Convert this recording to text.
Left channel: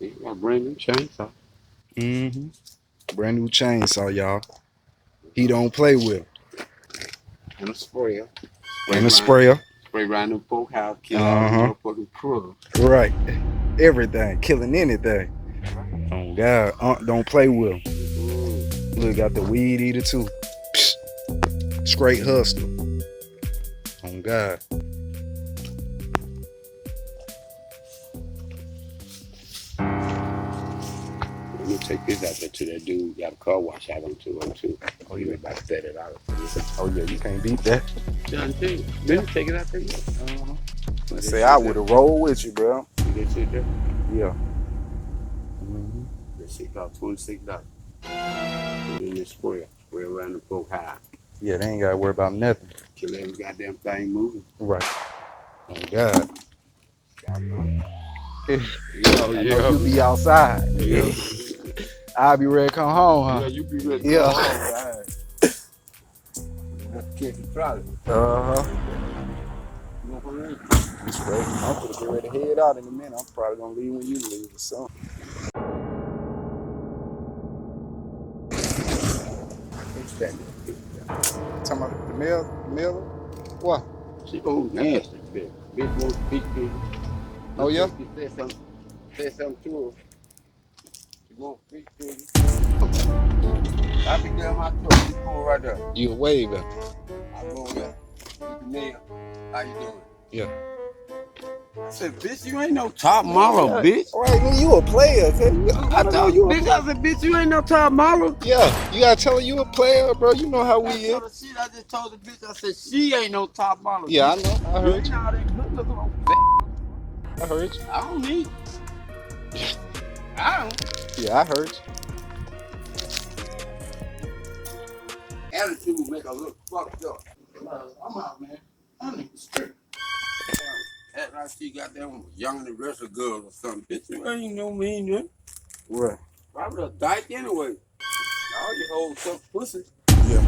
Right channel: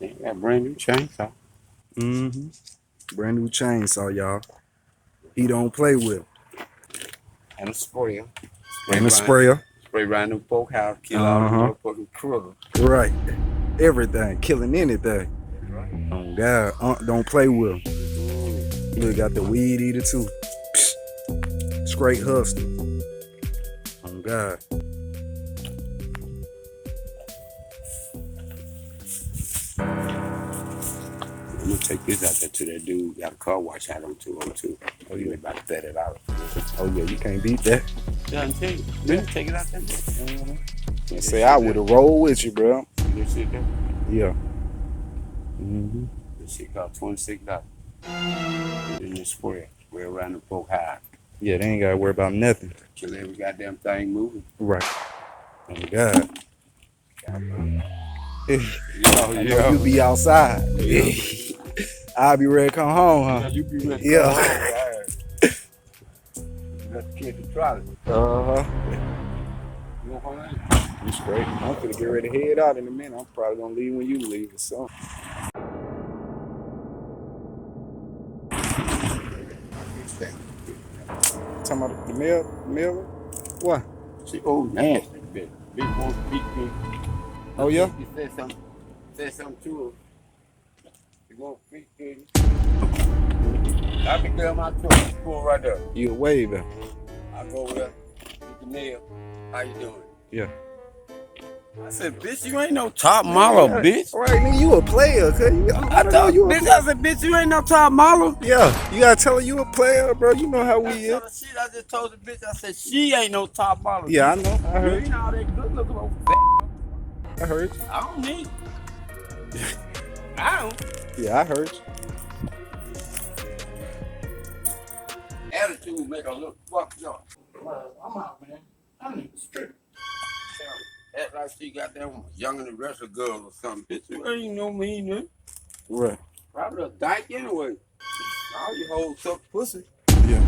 Yeah, got a brand new chainsaw. Mm-hmm. Brand new chainsaw, y'all. He don't play with. And a sprayer. And a sprayer. Spray around the folk house, kill all the Uh-huh. motherfucking critters. Right. Everything. Killing anything. Oh, God. Don't play with him. Look, got the weed eater, too. Psst. Straight hustler. Oh, God. Let me take this out there to that dude who got a car wash out on 202. Oh, you about $30. Oh, yeah, you can't beat that. Yeah, I'm telling you. Let me take it out there. I say I would have rolled with you, bro. See that shit there? Yeah. Mm-hmm. That shit cost $26. Put in this spray. Spray around the folk house. Yeah, they ain't got to worry about nothing. Kill every goddamn thing moving. Right. Oh, God. I know you be outside. I'll be ready to come home, huh? Yeah, you be ready to Yeah. go home. Let's catch the trolley. Uh-huh. You know what I mean? You straight. I'm gonna get ready to head out in a minute. I'm probably gonna leave when you leave or something. What's that? Talking about the mail? What? She old nasty, bitch. Big one, big bitch. Oh, yeah? You said something to her. She won't big bitch. I be there in my truck. She pull right there. You a waving. I go over there, get the mail. How you doing? Yeah. I said, bitch, you ain't no top model, bitch. Right, nigga, you a player, cuz. I told you, bitch, I said, bitch, you ain't no top model. Yeah, you gotta tell her you a player, bro. You know how we is. Shit, I just told the bitch, I said, she ain't no top model. Yeah, I know. I You heard ain't you. all that good looking on I heard you. I don't need it. I don't. Yeah, I heard you. Attitude make her look fucked up. I'm out, man. I need to strip. Act like she got them young and the rest of the girls or something. Bitch, you ain't no mean, man. What? Probably a dyke anyway. All you hoes suck pussy. Yeah.